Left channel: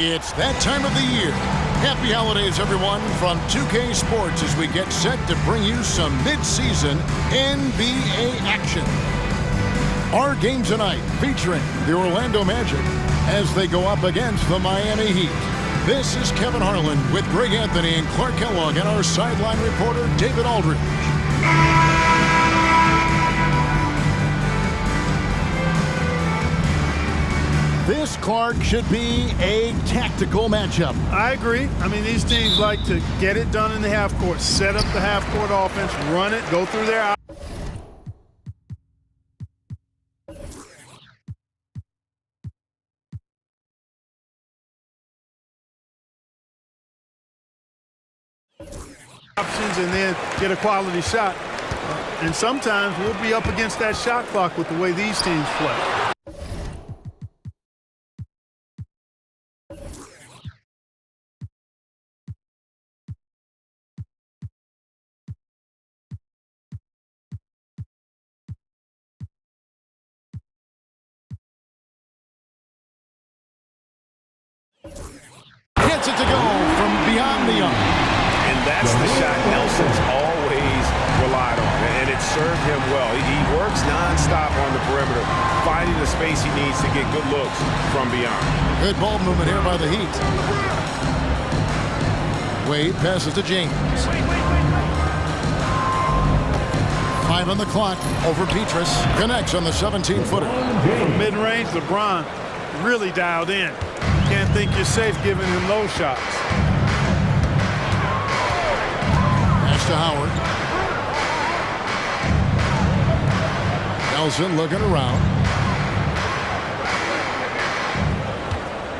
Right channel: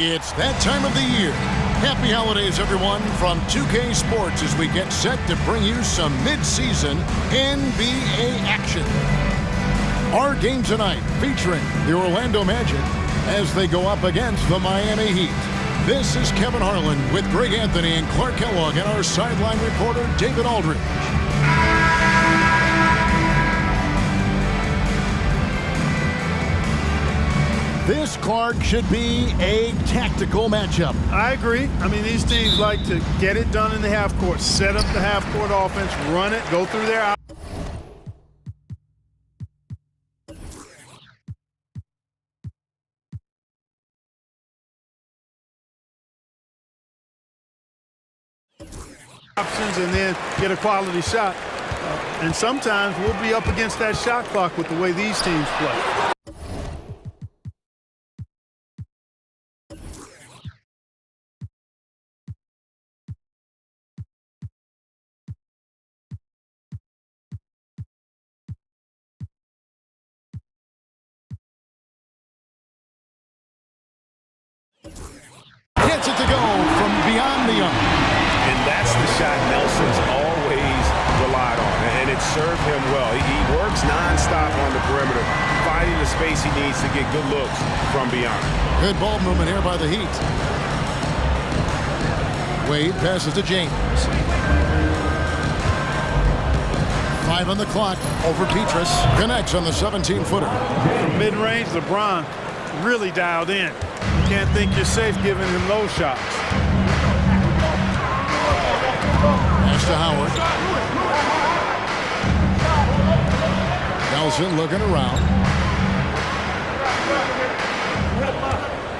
It's that time of the year. Happy holidays, everyone, from 2K Sports as we get set to bring you some mid-season NBA action. Our game tonight featuring the Orlando Magic as they go up against the Miami Heat. This is Kevin Harlan with Greg Anthony and Clark Kellogg and our sideline reporter, David Aldridge. This, Clark, should be a tactical matchup. I agree. I mean, these teams like to get it done in the half court, set up the half court offense, run it, go through their options and then get a quality shot. And sometimes we'll be up against that shot clock with the way these teams play. Gets it to go from beyond the arc. And that's the shot Nelson's always relied on, and it served him well. He works nonstop on the perimeter, finding the space he needs to get good looks from beyond. Good ball movement here by the Heat. Wade passes to James. 5 on the clock over Petrus. Connects on the 17-footer. From mid-range, LeBron really dialed in. You can't think you're safe giving him those shots. Pass to Howard. Nelson looking around.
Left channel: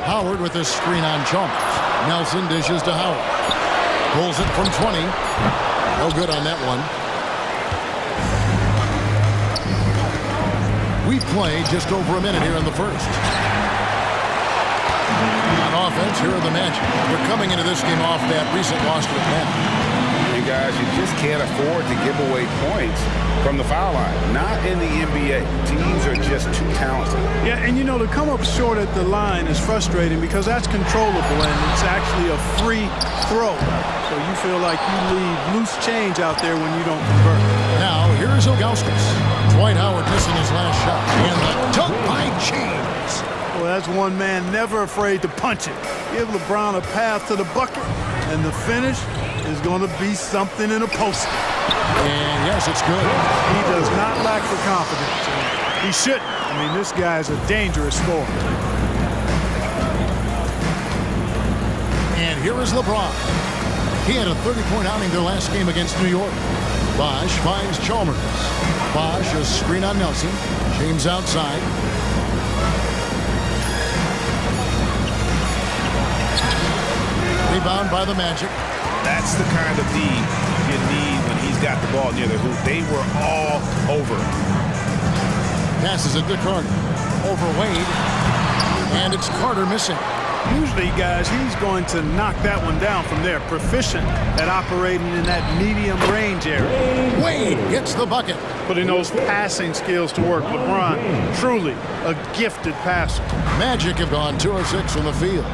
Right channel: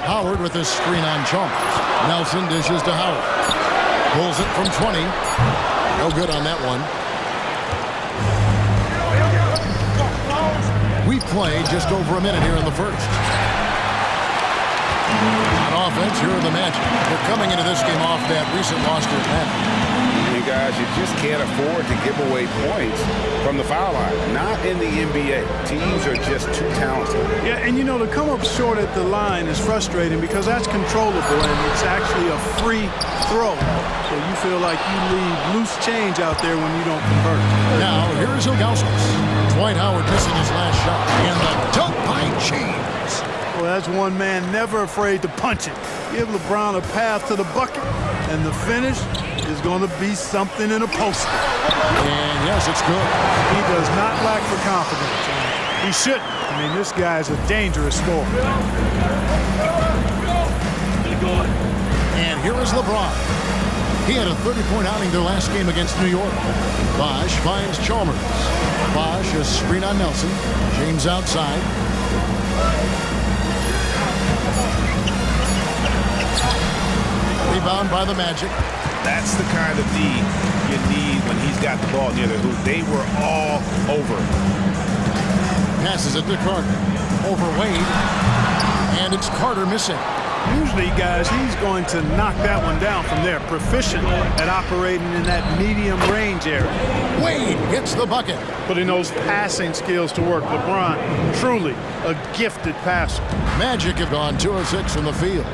Howard with a screen on jump. Nelson dishes to Howard. Pulls it from 20. No good on that one. We play just over a minute here in the first. On offense, here are the Magic. They're coming into this game off that recent loss to Atlanta. And guys, you just can't afford to give away points from the foul line. Not in the NBA. Teams are just too talented. Yeah, and you know, to come up short at the line is frustrating because that's controllable and it's actually a free throw. So you feel like you leave loose change out there when you don't convert. Now, here is Ilgauskas. Dwight Howard missing his last shot. And the dunk by James. Well, that's one man never afraid to punch it. Give LeBron a path to the bucket, and the finish is going to be something in a poster. And yes, it's good. He does not lack for confidence, and he shouldn't. I mean, this guy's a dangerous scorer. And here is LeBron. He had a 30-point outing their last game against New York. Bosh finds Chalmers. Bosh a screen on Nelson. James outside. Rebound by the Magic. That's the kind of D you need when he's got the ball near the hoop. They were all over. Passes it to Carter. Over Wade. And it's Carter missing. Usually, guys, he's going to knock that one down from there. Proficient at operating in that medium range area. Wade gets the bucket. Putting those passing skills to work. LeBron, truly a gifted passer. Magic have gone 2 of 6 from the field.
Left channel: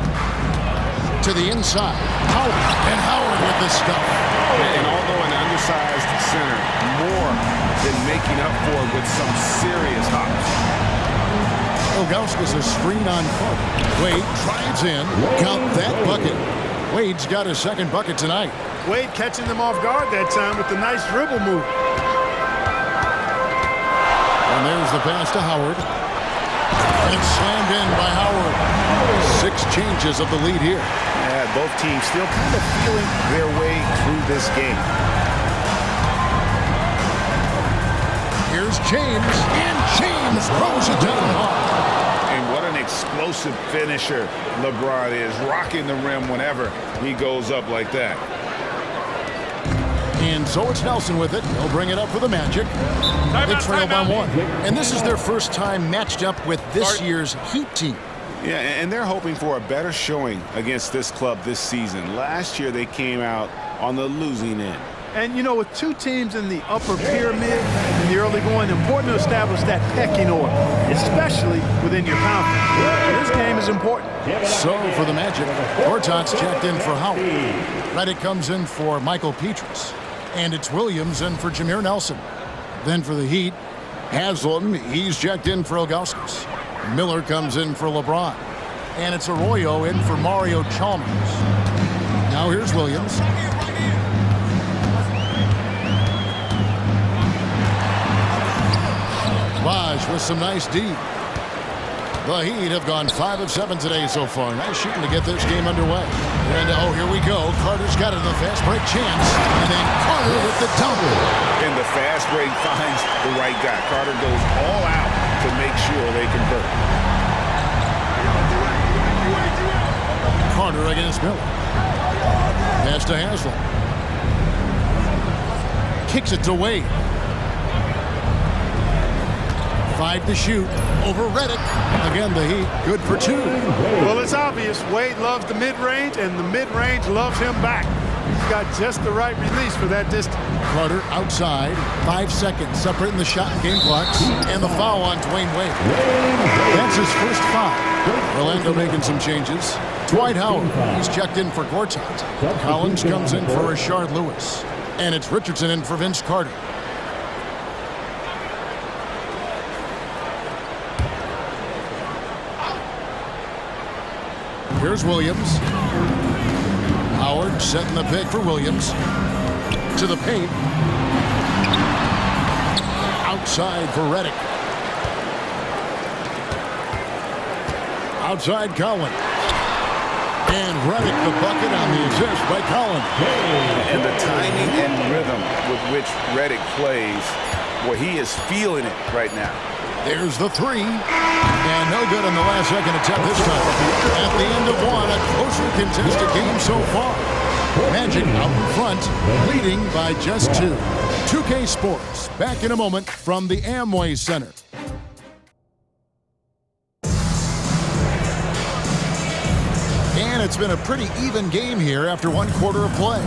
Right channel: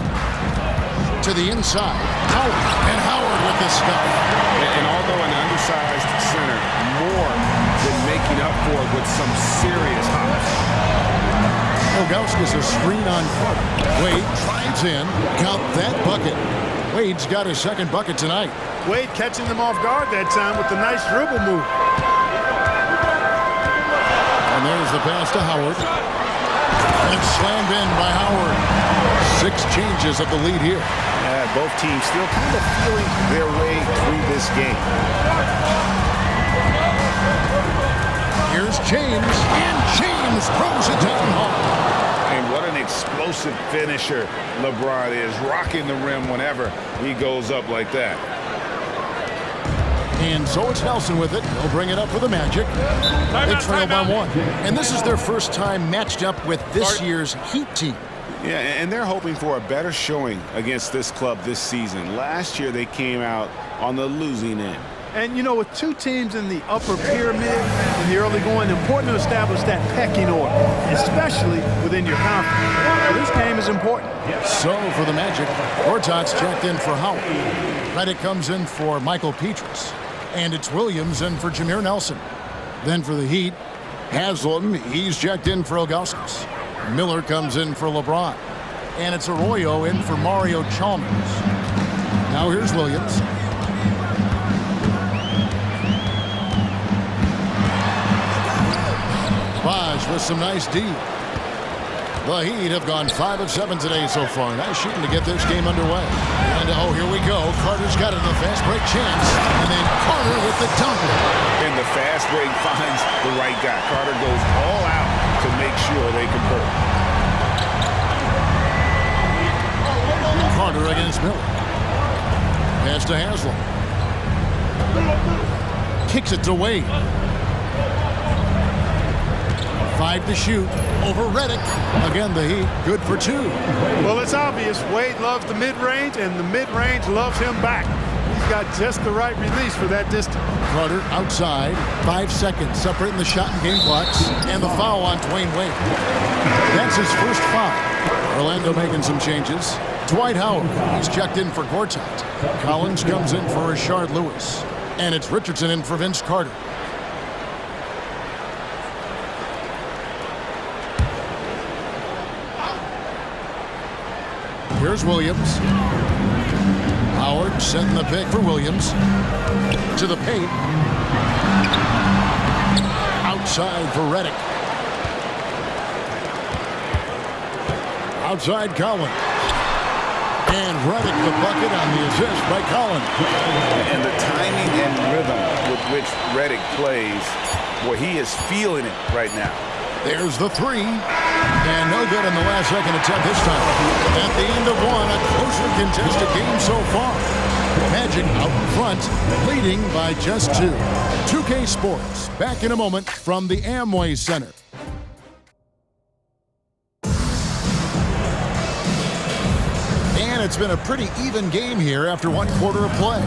To the inside, Howard, and Howard with the stuff. And although an undersized center, more than making up for it with some serious hops. Ilgauskas a screen on Carter. Wade drives in, count that bucket. Wade's got his second bucket tonight. Wade catching them off guard that time with the nice dribble move. And there's the pass to Howard. And slammed in by Howard. 6 changes of the lead here. Yeah, both teams still kind of feeling their way through this game. Here's James, and James throws it down hard. And what an explosive finisher LeBron is, rocking the rim whenever he goes up like that. And so it's Nelson with it. He'll bring it up for the Magic. They trail by 1. And this is their first time matched up with this year's Heat team. Yeah, and they're hoping for a better showing against this club this season. Last year, they came out on the losing end. And, you know, with two teams in the upper pyramid in the early going, important to establish that pecking order, especially within your conference. So this game is important. So for the Magic, Gortat's checked in for Howard. Redick comes in for Michael Petras. And it's Williams in for Jameer Nelson. Then for the Heat, Haslam, he's checked in for Ilgauskas. Miller comes in for LeBron. And it's Arroyo in for Mario Chalmers. Now here's Williams. Vaj with some nice D. The Heat have gone 5 of 7 today so far. Nice shooting to get this game underway. And oh, here we go. Carter's got it in the fast break chance. And then Carter with the dunk. And the fast break finds the right guy. Carter goes all out to make sure they convert. Carter against Miller. Pass to Haslam. Kicks it to Wade. 5 to shoot over Redick. Again, the Heat good for 2. Well, it's obvious Wade loves the mid-range, and the mid-range loves him back. He's got just the right release for that distance. Carter outside. 5 seconds separating the shot and game clocks. And the foul on Dwayne Wade. That's his first foul. Orlando making some changes. Dwight Howard, he's checked in for Gortat. Collins comes in for Rashard Lewis. And it's Richardson in for Vince Carter. Here's Williams. Howard setting the pick for Williams. To the paint. Outside for Redick. Outside Collins. And Redick the bucket on the assist by Collins. And the timing and rhythm with which Redick plays, well, he is feeling it right now. There's the 3. And no good on the last second attempt this time. At the end of one, a closely contested game so far. Magic out in front, leading by just 2. 2K Sports, back in a moment from the Amway Center. And it's been a pretty even game here after 1 quarter of play.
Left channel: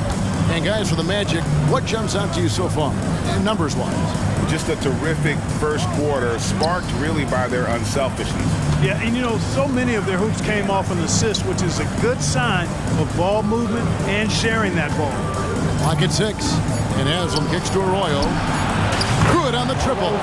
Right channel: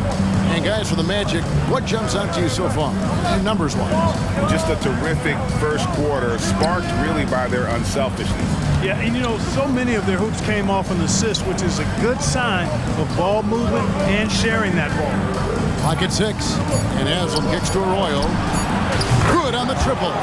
And guys, for the Magic, what jumps out to you so far, numbers-wise? Just a terrific first quarter, sparked really by their unselfishness. Yeah, and you know, so many of their hoops came off an assist, which is a good sign of ball movement and sharing that ball. Clock at 6, and Haslam kicks to Arroyo. Good on the triple.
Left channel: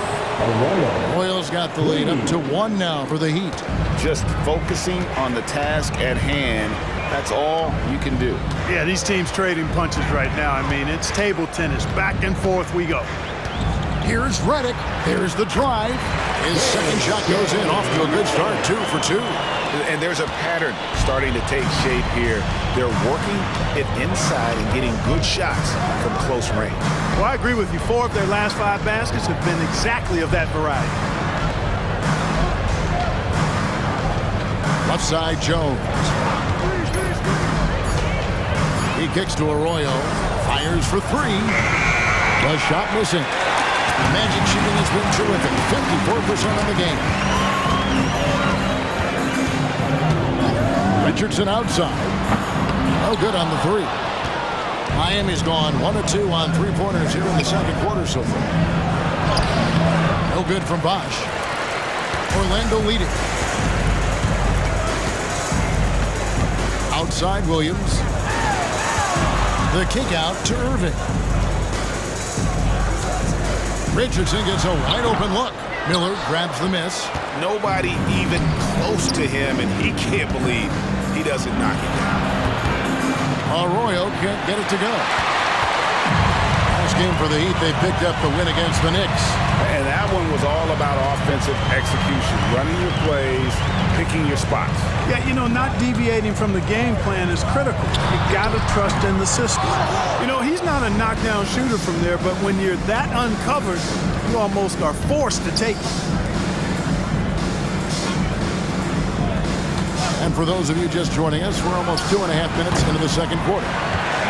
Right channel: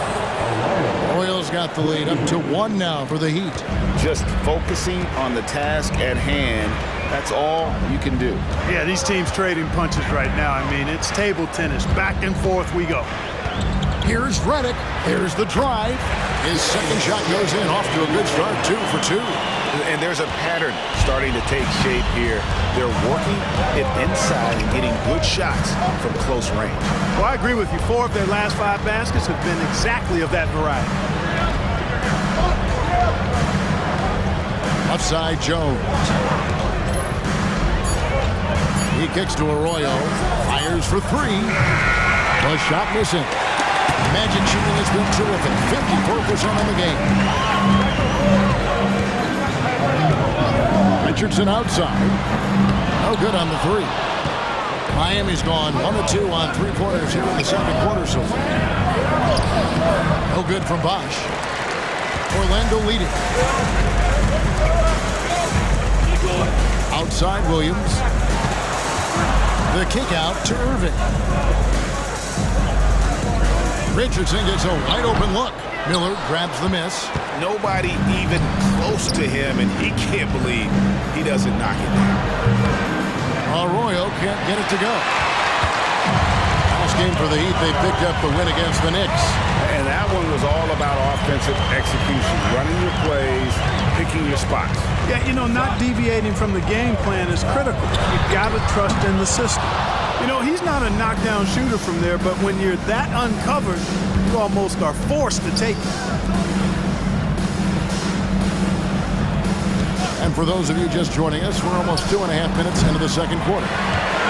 Arroyo's got the lead up to 1 now for the Heat. Just focusing on the task at hand, that's all you can do. Yeah, these teams trading punches right now. I mean, it's table tennis. Back and forth we go. Here's Redick. There's the drive. His second shot goes in, off to a good start, 2 for 2. And there's a pattern starting to take shape here. They're working it inside and getting good shots from close range. Well, I agree with you. 4 of their last 5 baskets have been exactly of that variety. Left side, Jones. He kicks to Arroyo. Fires for 3. The shot missing. Magic shooting has been terrific. 54% on the game. Richardson outside. No good on the 3. Miami's gone 1 of 2 on 3-pointers here in the second quarter so far. No good from Bosch. Orlando leading. Outside Williams. The kick out to Irving. Richardson gets a wide open look. Miller grabs the miss. Nobody even close to him, and he can't believe he doesn't knock it down. Arroyo can't get it to go. Last game for the Heat, they picked up the win against the Knicks. And that one was all about offensive execution, running your plays, picking your spots. Yeah, you know, not deviating from the game plan is critical. You got to trust in the system. You know, he's not a knockdown shooter from there, but when you're that uncovered, you almost are forced to take it. And for those of you just joining us, we're almost 2.5 minutes into the second quarter.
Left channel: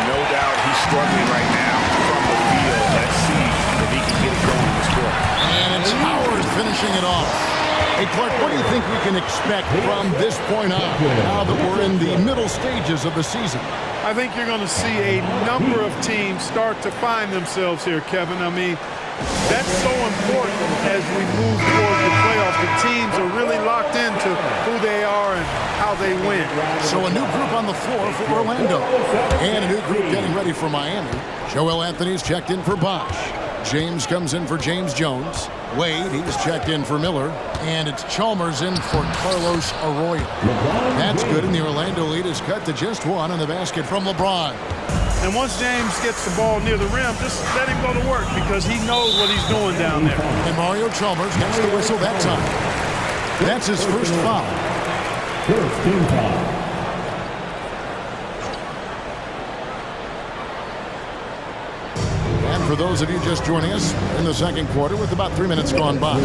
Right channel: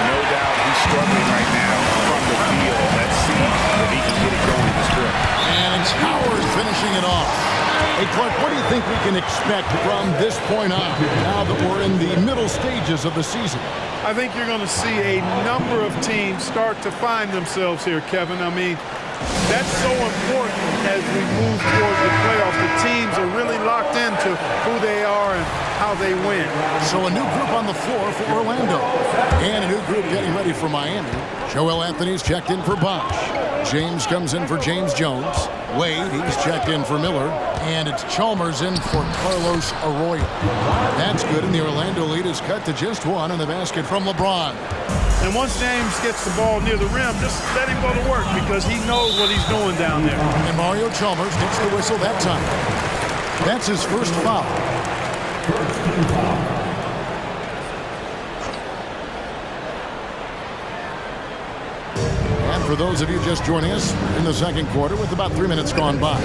No doubt he's struggling right now from the field. Let's see if he can get it going this quarter. And it's Howard finishing it off. Hey, Clark, what do you think we can expect from this point on, now that we're in the middle stages of the season? I think you're going to see a number of teams start to find themselves here, Kevin. I mean, that's so important as we move towards the playoffs. The teams are really locked into who they are and how they win. So a new group on the floor for Orlando. And a new group getting ready for Miami. Joel Anthony's checked in for Bosh. James comes in for James Jones. Wade, he's checked in for Miller. And it's Chalmers in for Carlos Arroyo. That's good, and the Orlando lead is cut to just one on the basket from LeBron. And once James gets the ball near the rim, just let him go to work because he knows what he's doing down there. And Mario Chalmers gets the whistle that time. That's his first foul. First team foul. And for those of you just joining us in the second quarter with about 3 minutes gone by,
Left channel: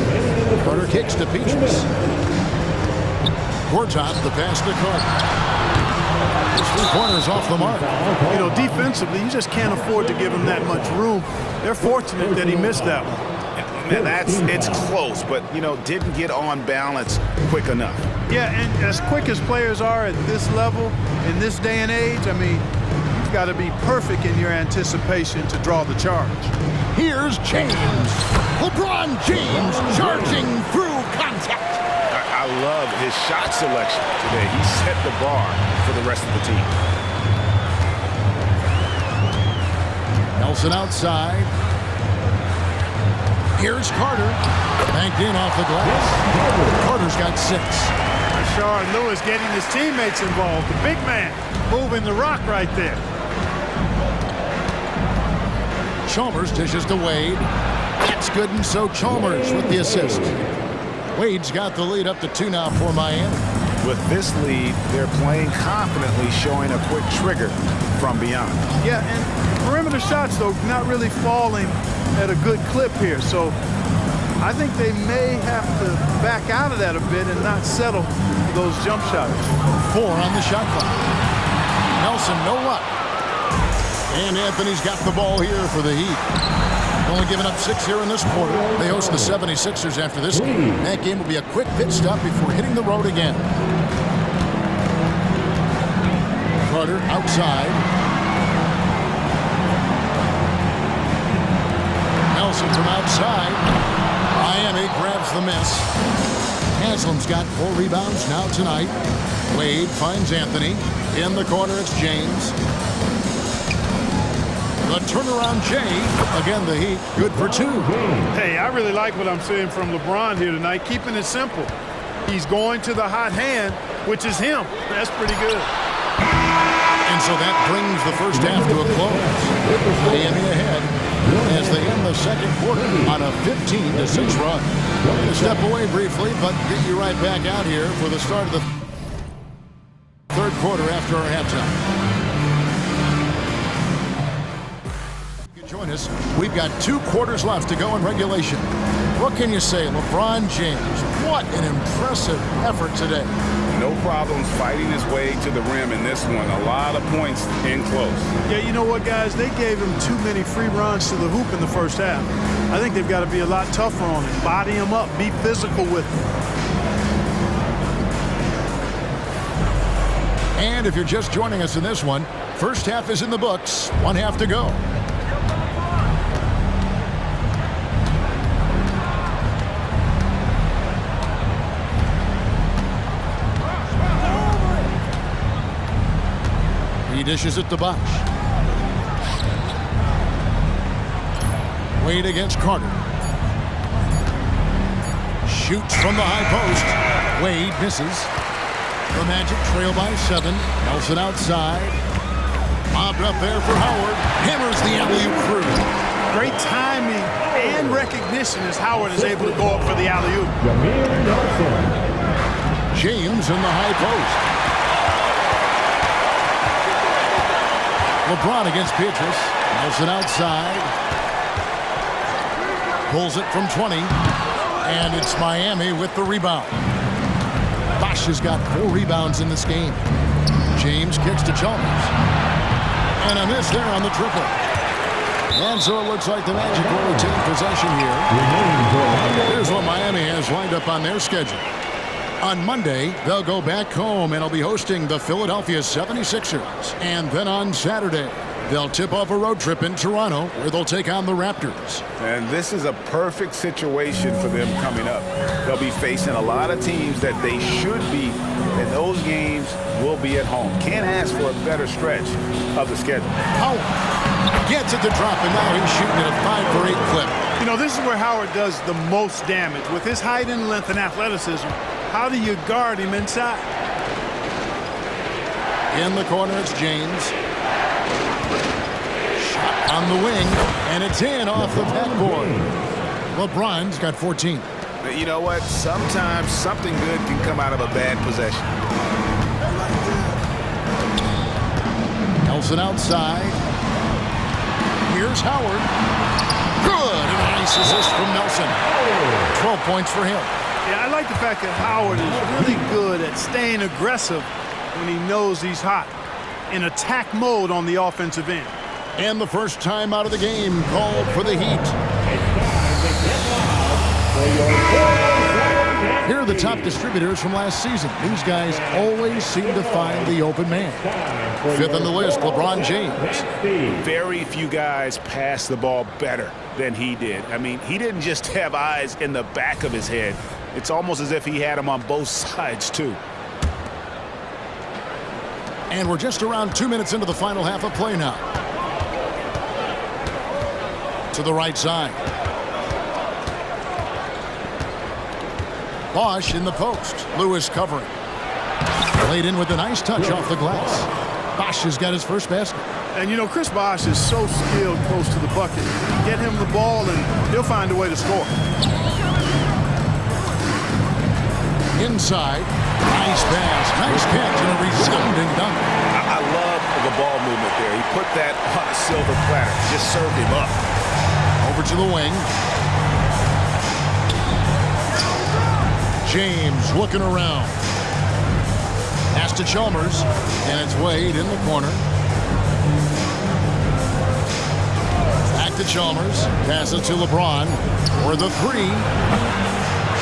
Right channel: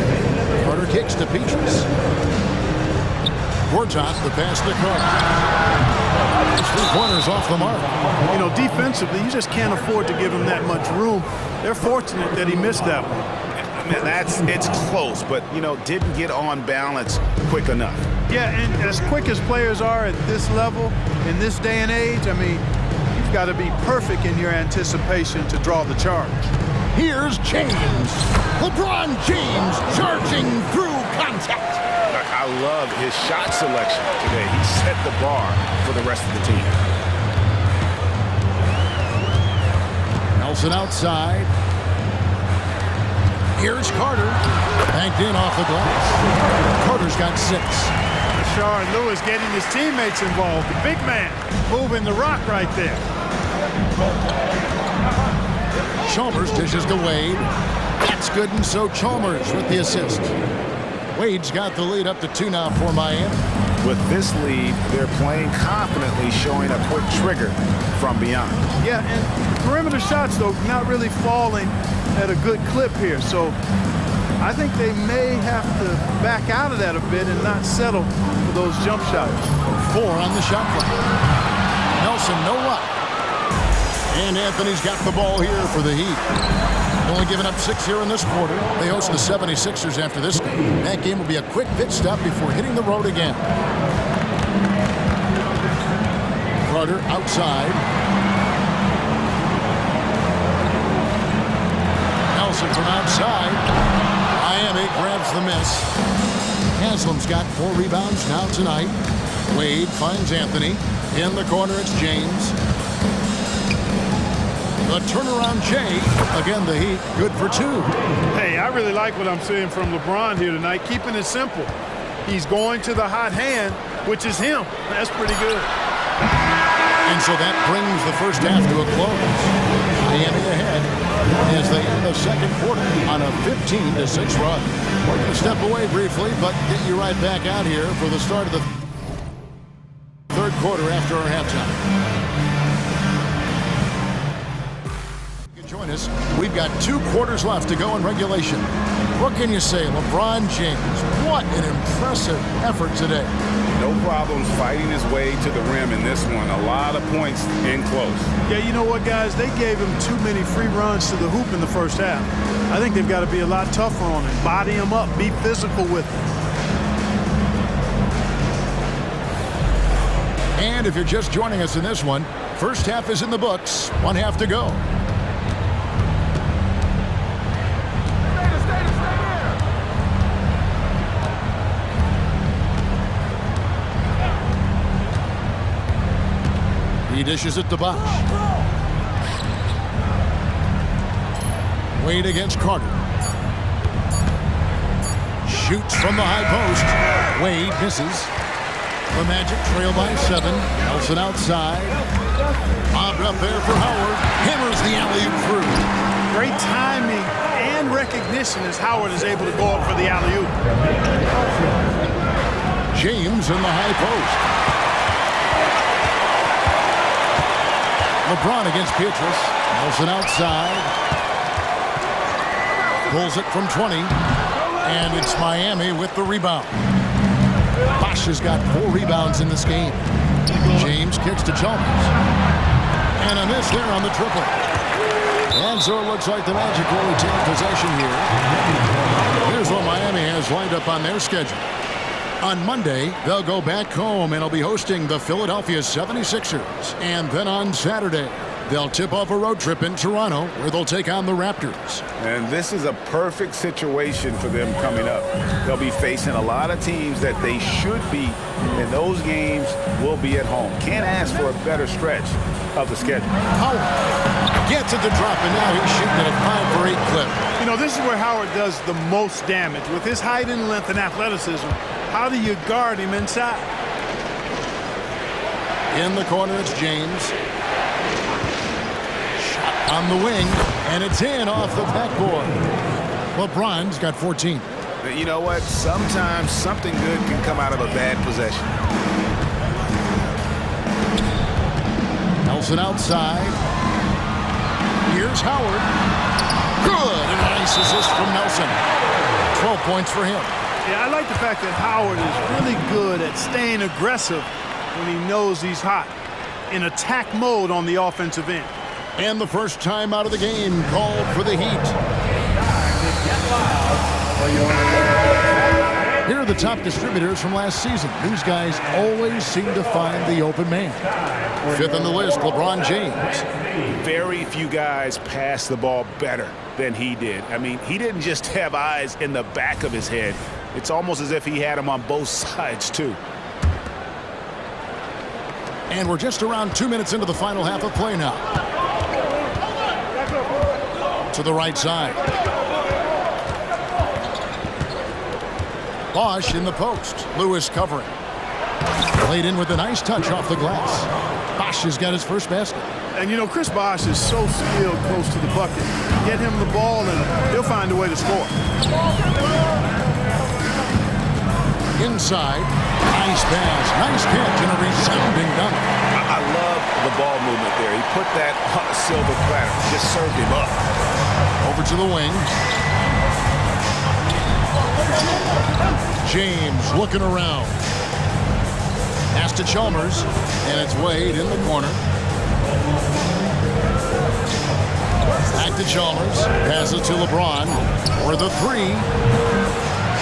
Carter kicks to Petrus. Gortat, the pass to Carter. His 3 pointers off the mark. You know, defensively, you just can't afford to give him that much room. They're fortunate that he missed that one. Man, it's close, but, you know, didn't get on balance quick enough. Yeah, and as quick as players are at this level, in this day and age, I mean, you've got to be perfect in your anticipation to draw the charge. Here's James. LeBron James charging through contact. I love his shot selection today. He set the bar for the rest of the team. Nelson outside. Here's Carter. Banked in off the glass. Carter's got 6. Rashard Lewis getting his teammates involved. The big man moving the rock right there. Chalmers dishes to Wade. That's good, and so Chalmers with the assist. Wade's got the lead up to 2 now for Miami. With this lead, they're playing confidently, showing a quick trigger from beyond. Yeah, and the perimeter shots, though, not really falling at a good clip here. So I think they may have to back out of that a bit and not settle for those jump shots. 4 on the shot clock. Nelson, no luck. And Anthony's got the ball here for the Heat. Only giving up 6 here in this quarter. They host the 76ers after this game. That game will be a quick pit stop before hitting the road again. Carter outside. Nelson from outside. Miami grabs the miss. Haslam's got 4 rebounds now tonight. Wade finds Anthony. In the corner, it's James. The turnaround Jay. Again, the Heat good for 2. Hey, I really like what I'm seeing from LeBron here tonight, keeping it simple. He's going to the hot hand, which is him. That's pretty good. And so that brings the first half to a close. Miami ahead as they end the second quarter on a 15-6 run. We're going to step away briefly, but get you right back out here for the start of the third quarter after our halftime. Join us. We've got 2 quarters left to go in regulation. What can you say, LeBron James? What an impressive effort today. No problems fighting his way to the rim in this one. A lot of points in close. Yeah, you know what, guys? They gave him too many free runs to the hoop in the first half. I think they've got to be a lot tougher on him. Body him up. Be physical with him. And if you're just joining us in this one, first half is in the books. 1 half to go. He dishes it to Bosh. Wade against Carter. Shoots from the high post. Wade misses. The Magic trail by 7. Nelson outside. Bobbed up there for Howard. Hammers the alley-oop through. Great timing and recognition as Howard is able to go up for the alley-oop. James in the high post. LeBron against Petrus. Nelson outside. Pulls it from 20. And it's Miami with the rebound. Bosh has got 4 rebounds in this game. James kicks to Chalmers. And a miss there on the triple. And so it looks like the Magic will retain possession here. Here's what Miami has lined up on their schedule. On Monday, they'll go back home and will be hosting the Philadelphia 76ers. And then on Saturday, they'll tip off a road trip in Toronto where they'll take on the Raptors. And this is a perfect situation for them coming up. They'll be facing a lot of teams that they should beat, and those games will be at home. Can't ask for a better stretch of the schedule. Howard gets it to drop, and now he's shooting at a 5-for-8 clip. You know, this is where Howard does the most damage. With his height and length and athleticism, how do you guard him inside? In the corner, it's James. Shot on the wing, and it's in off the backboard. LeBron's got 14. You know what? Sometimes something good can come out of a bad possession. Nelson outside. Here's Howard. Good, and a nice assist from Nelson. 12 points for him. Yeah, I like the fact that Howard is really good at staying aggressive when he knows he's hot, in attack mode on the offensive end. And the first time out of the game called for the Heat. Here are the top distributors from last season. These guys always seem to find the open man. Fifth on the list, LeBron James. Very few guys pass the ball better than he did. I mean, he didn't just have eyes in the back of his head. It's almost as if he had them on both sides, too. And we're just around 2 minutes into the final half of play now. To the right side. Bosch in the post. Lewis covering. Played in with a nice touch off the glass. Bosch has got his first basket. And, you know, Chris Bosch is so skilled close to the bucket. Get him the ball, and he'll find a way to score. Inside. Nice pass. Nice catch and a resounding dunk. I love the ball movement there. He put that on a silver platter. Just served him up. Over to the wing. James looking around. Pass to Chalmers, and it's Wade in the corner. Back to Chalmers. Passes to LeBron for the three.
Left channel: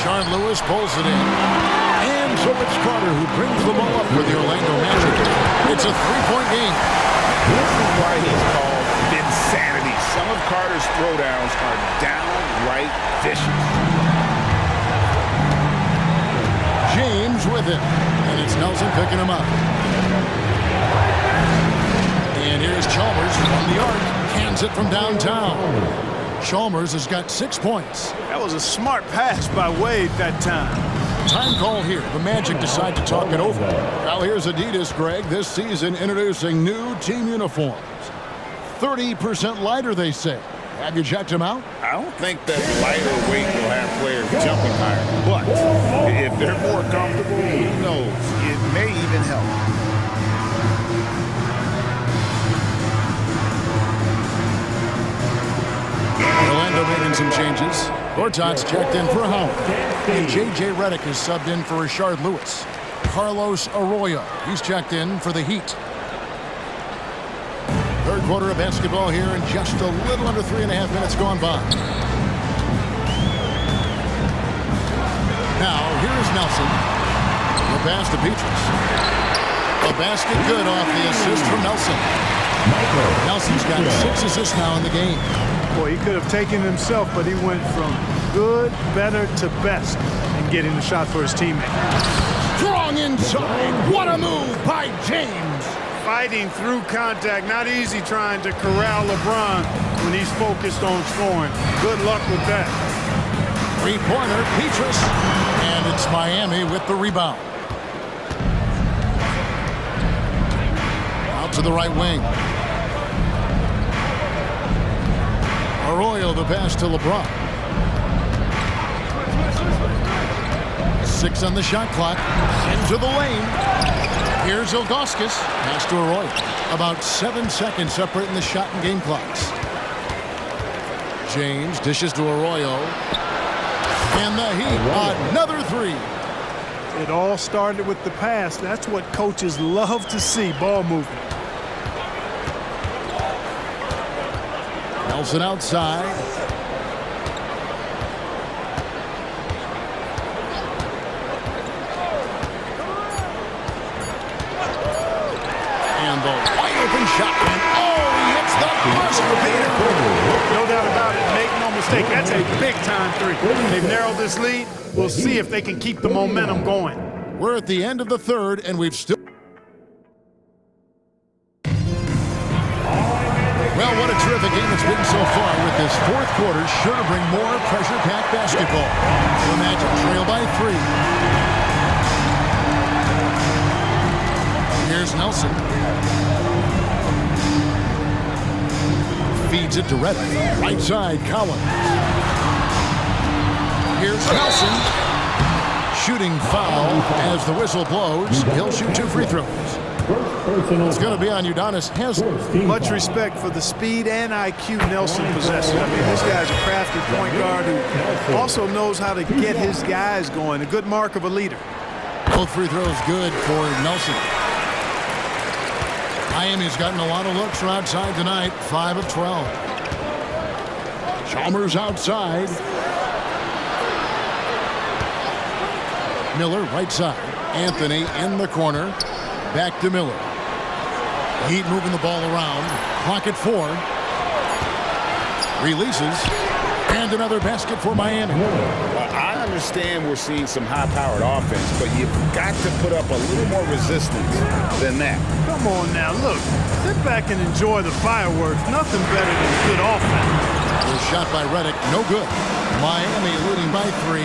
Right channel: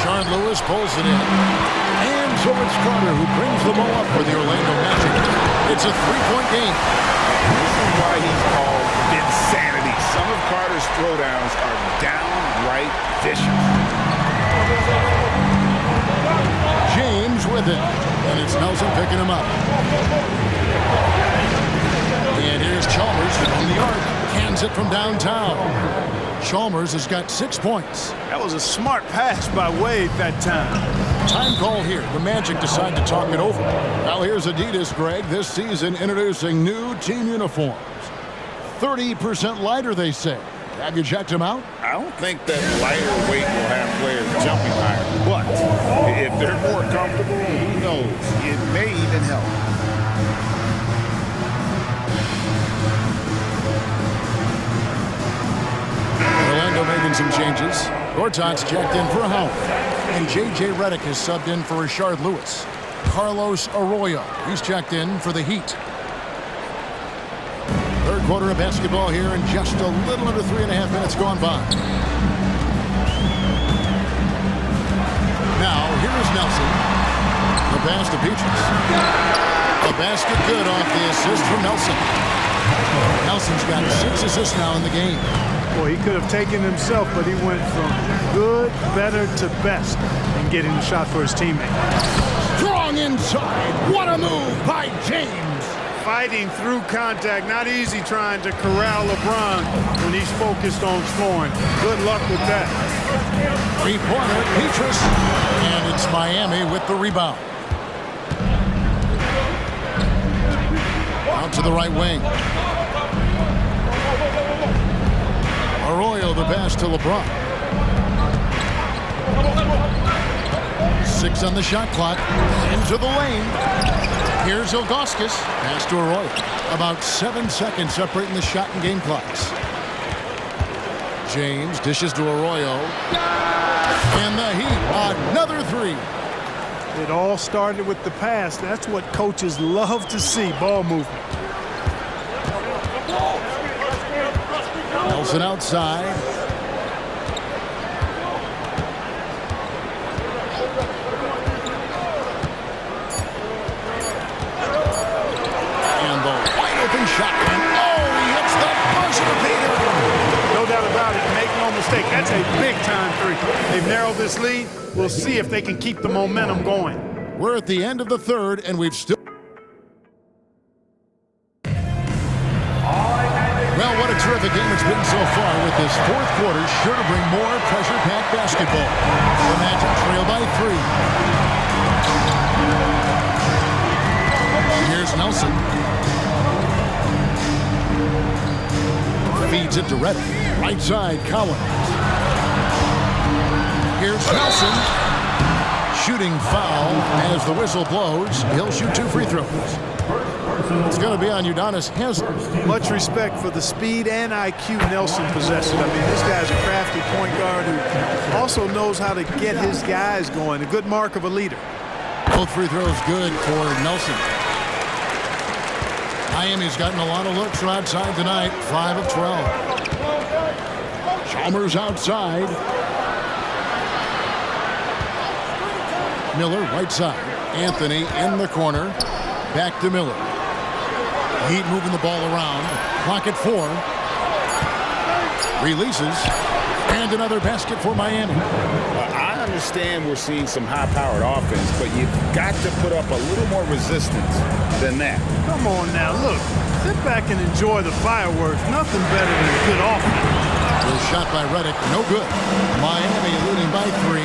Shard Lewis pulls it in. And so it's Carter who brings the ball up for the Orlando Magic. It's a three-point game. This is why he's called Vinsanity. Some of Carter's throwdowns are downright vicious. James with it. And it's Nelson picking him up. And here's Chalmers from the arc. Cans it from downtown. Chalmers has got 6 points. That was a smart pass by Wade that time. Time call here. The Magic decide to talk it over. Now here's Adidas, Greg, this season introducing new team uniforms. 30% lighter, they say. Have you checked them out? I don't think that lighter weight will have players jumping higher. But if they're more comfortable, who knows? It may even help. Orlando making some changes. Gortat's checked in for Howard. And J.J. Redick is subbed in for Rashard Lewis. Carlos Arroyo, he's checked in for the Heat. Third quarter of basketball here, and just a little under 3.5 minutes gone by. Now, here is Nelson. The pass to Petrus. A basket good off the assist from Nelson. Nelson's got 6 assists now in the game. Boy, he could have taken himself, but he went from good, better to best in getting the shot for his teammate. Strong inside. What a move by James. Fighting through contact. Not easy trying to corral LeBron when he's focused on scoring. Good luck with that. Three-pointer, Petrus. And it's Miami with the rebound. Out to the right wing. Arroyo the pass to LeBron. 6 on the shot clock. Into the lane. Here's Ilgauskas. Pass to Arroyo. About 7 seconds separating the shot and game clocks. James dishes to Arroyo. And the Heat, another three. It all started with the pass. That's what coaches love to see, ball movement. Nelson outside. on the wide open shot. And he hits the buzzer beater. No doubt about it. Make no mistake. That's a big-time three. They've narrowed this lead. We'll see if they can keep the momentum going. We're at the end of the third, and we've still... Well, what a terrific game it's been so far, with this fourth quarter sure to bring more pressure-packed basketball. The Magic trail by 3. Here's Nelson. Feeds it to Redick. Right side, Collins. Here's Nelson. Shooting foul as the whistle blows. He'll shoot 2 free throws. It's going to be on Udonis Haslem. Much respect for the speed and IQ Nelson possesses. I mean, this guy's a crafty point guard who also knows how to get his guys going. A good mark of a leader. Both free throws good for Nelson. Miami's gotten a lot of looks from outside tonight. 5 of 12. Chalmers outside. Miller right side. Anthony in the corner. Back to Miller. Heat moving the ball around. Clock at 4. Releases. And another basket for Miami. I understand we're seeing some high-powered offense, but you've got to put up a little more resistance than that. Come on now, look. Sit back and enjoy the fireworks. Nothing better than good offense. The shot by Redick, no good. Miami leading by 3.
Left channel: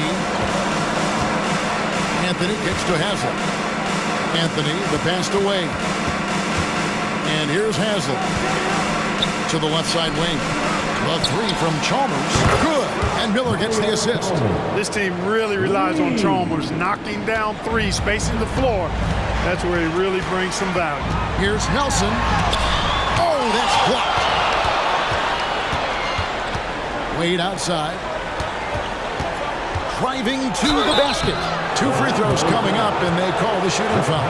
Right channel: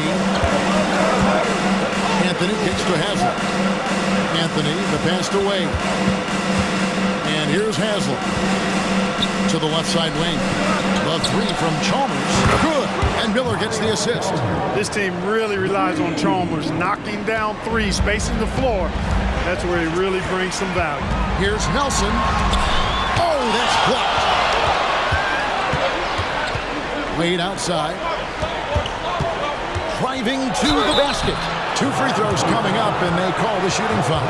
Anthony kicks to Haslem. Anthony, the pass away. And here's Haslem to the left side wing. The 3 from Chalmers, good. And Miller gets the assist. This team really relies on Chalmers knocking down 3, spacing the floor. That's where he really brings some value. Here's Nelson. Oh, that's blocked. Wade outside. Driving to the basket. 2 free throws coming up, and they call the shooting foul.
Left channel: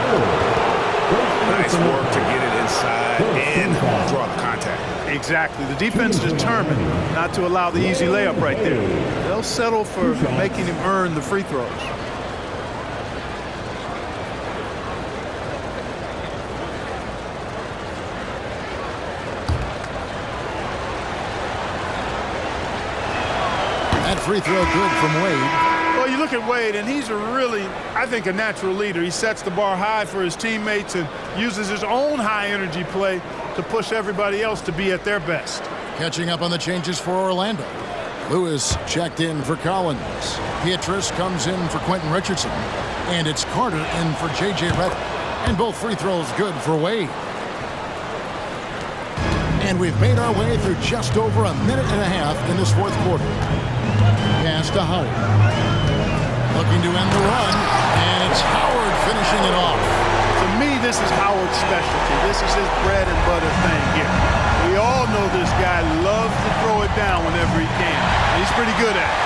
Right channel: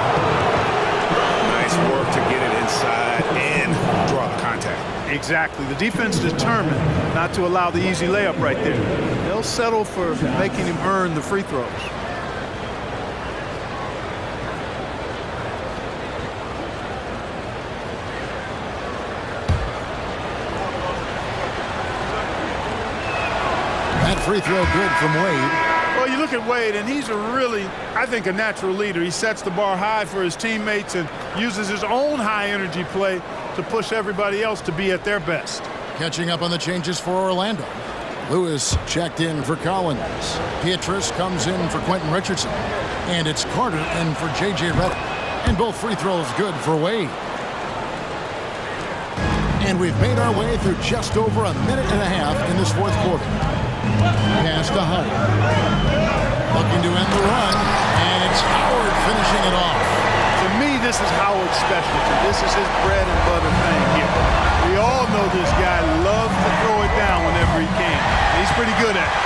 Nice work to get it inside and draw the contact. Exactly. The defense is determined not to allow the easy layup right there. They'll settle for making him earn the free throws. That free throw good from Wade. Well, you look at Wade, and he's I think, a natural leader. He sets the bar high for his teammates and uses his own high-energy play to push everybody else to be at their best. Catching up on the changes for Orlando. Lewis checked in for Collins. Pietrus comes in for Quentin Richardson. And it's Carter in for J.J. Redick. And both free throws good for Wade. And we've made our way through just over a minute and a half in this fourth quarter. Pass to Howard. Looking to end the run, and it's Howard finishing it off. To me, this is Howard's specialty. This is his bread and butter thing here. We all know this guy loves to throw it down whenever he can. He's pretty good at it.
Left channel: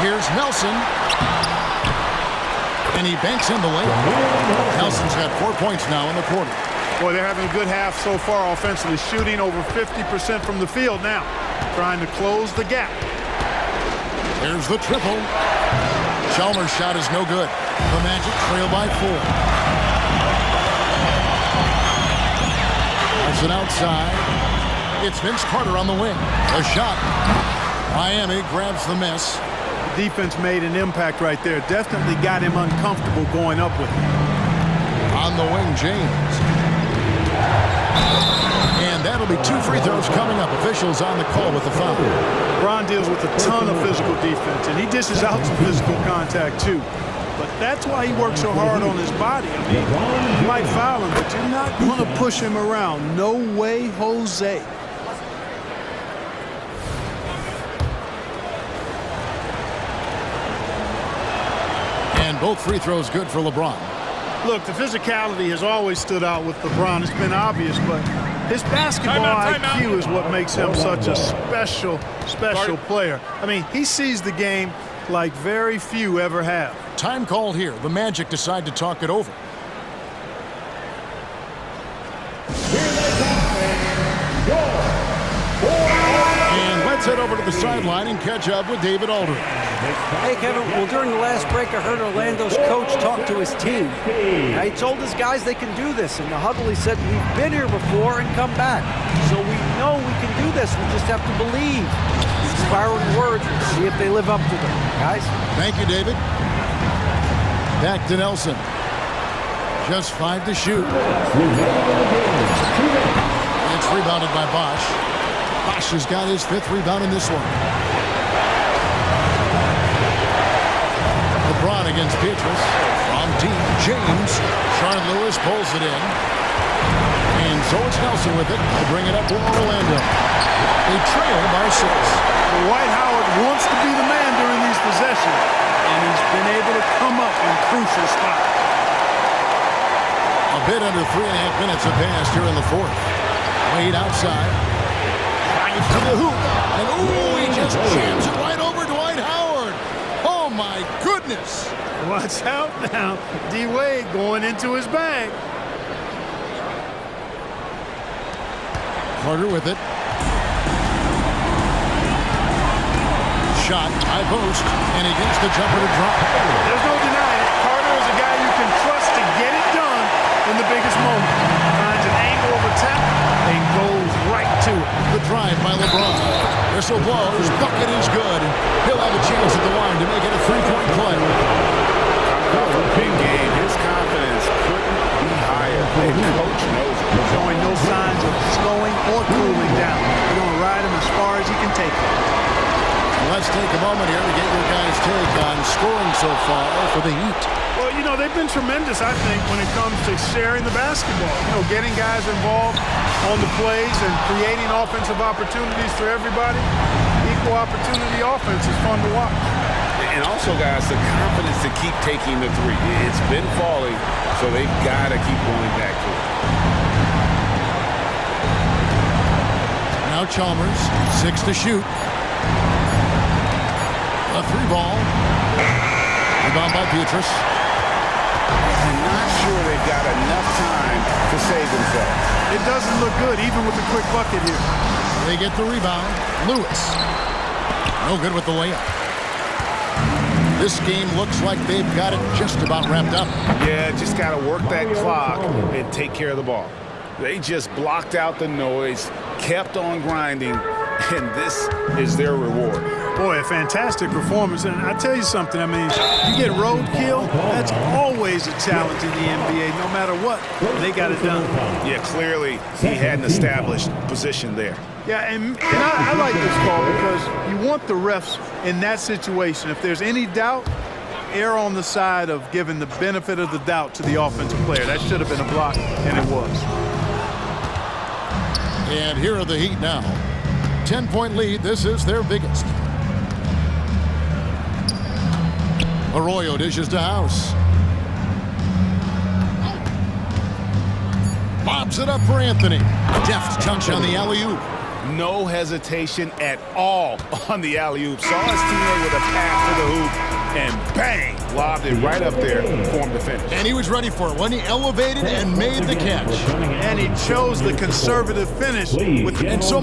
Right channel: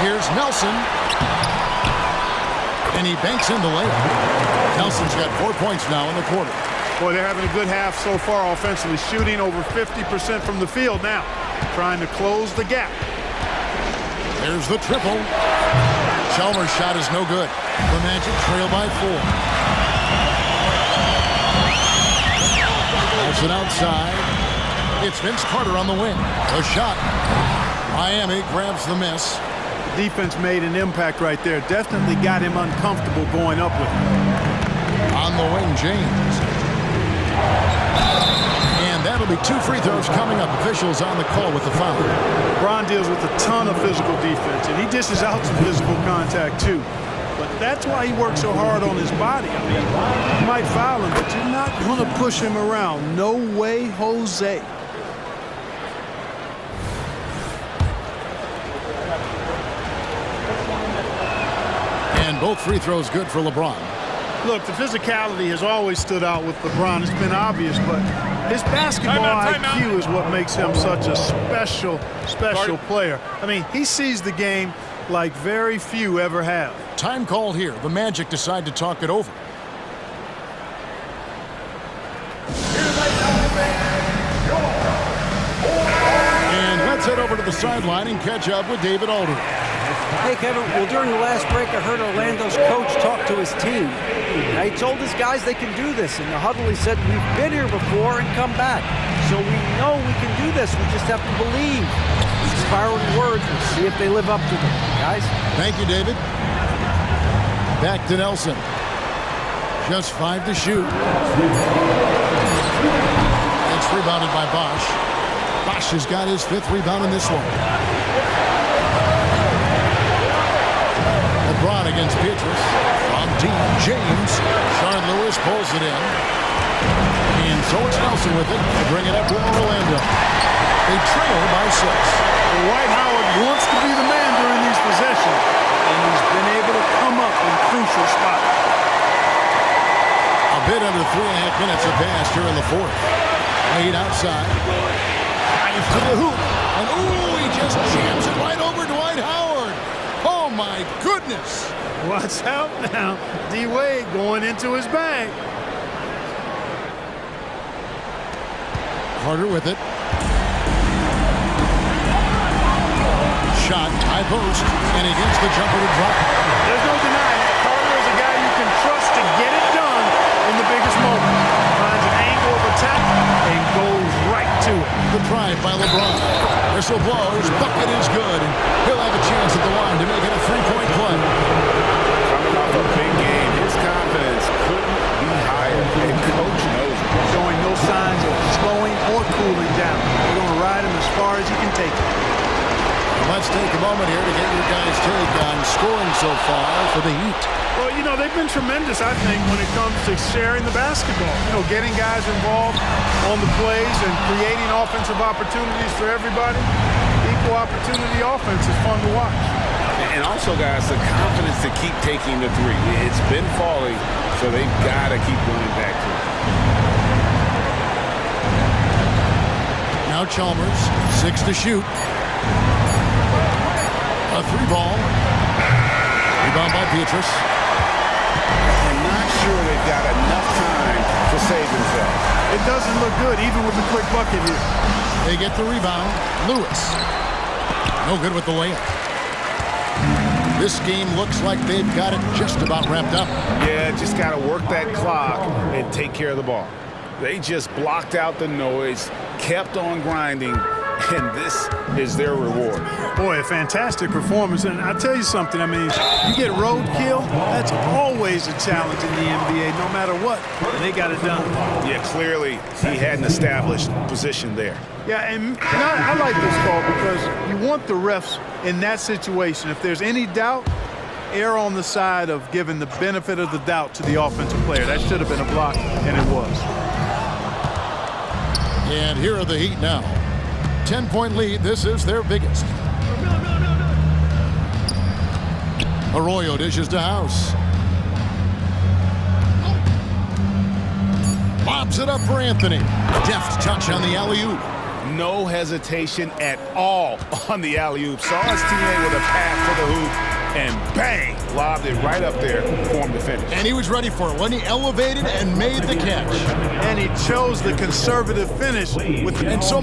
Here's Nelson. And he banks in the layup. Nelson's got 4 points now in the quarter. Boy, they're having a good half so far offensively, shooting over 50% from the field now, trying to close the gap. There's the triple. Chalmers' shot is no good. The Magic trail by 4. That's it outside. It's Vince Carter on the wing. A shot. Miami grabs the miss. The defense made an impact right there. Definitely got him uncomfortable going up with him. On the wing, James. And that'll be 2 free throws coming up. Officials on the call with the foul. LeBron deals with a ton of physical defense, and he dishes out some physical contact too. But that's why he works so hard on his body. I mean, you might foul him, but you're not going to push him around. No way, Jose. And both free throws good for LeBron. Look, the physicality has always stood out with LeBron. It's been obvious, but his basketball IQ is what makes him such a special player. I mean, he sees the game like very few ever have. Time called here. The Magic decide to talk it over. And let's head over to the sideline and catch up with David Aldridge. Hey, Kevin, well, during the last break, I heard Orlando's coach talk to his team. Now, he told his guys they can do this. In the huddle, he said, we've been here before and come back. So we know we can do this. We just have to believe. Inspiring words. We'll see if they live up to them. Guys? Thank you, David. Back to Nelson. Just 5 to shoot. It's rebounded by Bosch. Bosch has got his 5th rebound in this one. LeBron against Pietrus. From deep, James. Sharon Lewis pulls it in. And so it's Nelson with it. They'll bring it up for Orlando. They trail by 6. Dwight Howard wants to be the man during these possessions, and he's been able to come up in crucial spots. A bit under 3.5 minutes have passed here in the 4th. Wade outside. Drive to the hoop. And ooh, he just jams it right over Dwight Howard. Oh my goodness. Watch out now. D-Wade going into his bag. Carter with it. Shot, high post, and he gets the jumper to drop. There's no denying it. Carter is a guy you can trust to get it done in the biggest moments. Finds an angle of attack and goes right to it. The drive by LeBron. Whistle blows, bucket is good, and he'll have a chance at the line to make it a 3-point play. Coming off a big game, his confidence couldn't be higher, and coach knows it. Showing no signs of slowing or cooling down. They're going to ride him as far as he can take it. Let's take a moment here to get your guys' take on scoring so far for the Heat. Well, you know, they've been tremendous, I think, when it comes to sharing the basketball. You know, getting guys involved on the plays and creating offensive opportunities for everybody. Equal opportunity offense is fun to watch. And also, guys, the confidence to keep taking the 3. It's been falling, so they've got to keep going back to it. Now Chalmers, 6 to shoot. A 3-ball. Rebound by Pietrus. I'm not sure they've got enough time to save themselves. It doesn't look good, even with the quick bucket here. They get the rebound. Lewis. No good with the layup. This game looks like they've got it just about wrapped up. Yeah, just got to work that clock and take care of the ball. They just blocked out the noise, kept on grinding, and this is their reward. Boy, a fantastic performance. And I'll tell you something, I mean, you get roadkill, that's always a challenge in the NBA, no matter what. And they got it done. Yeah, clearly he had an established position there. Yeah, and I like this call because you want the refs in that situation. If there's any doubt, err on the side of giving the benefit of the doubt to the offensive player. That should have been a block, and it was. And here are the Heat now. 10-point lead. This is their biggest. Arroyo dishes to House. Lobs it up for Anthony. Deft touch on the alley-oop. No hesitation at all on the alley-oop. Saw his teammate with a pass to the hoop, and bang, lobbed it right up there for him to finish. And he was ready for it when he elevated and made the catch. And he chose the conservative finish. And so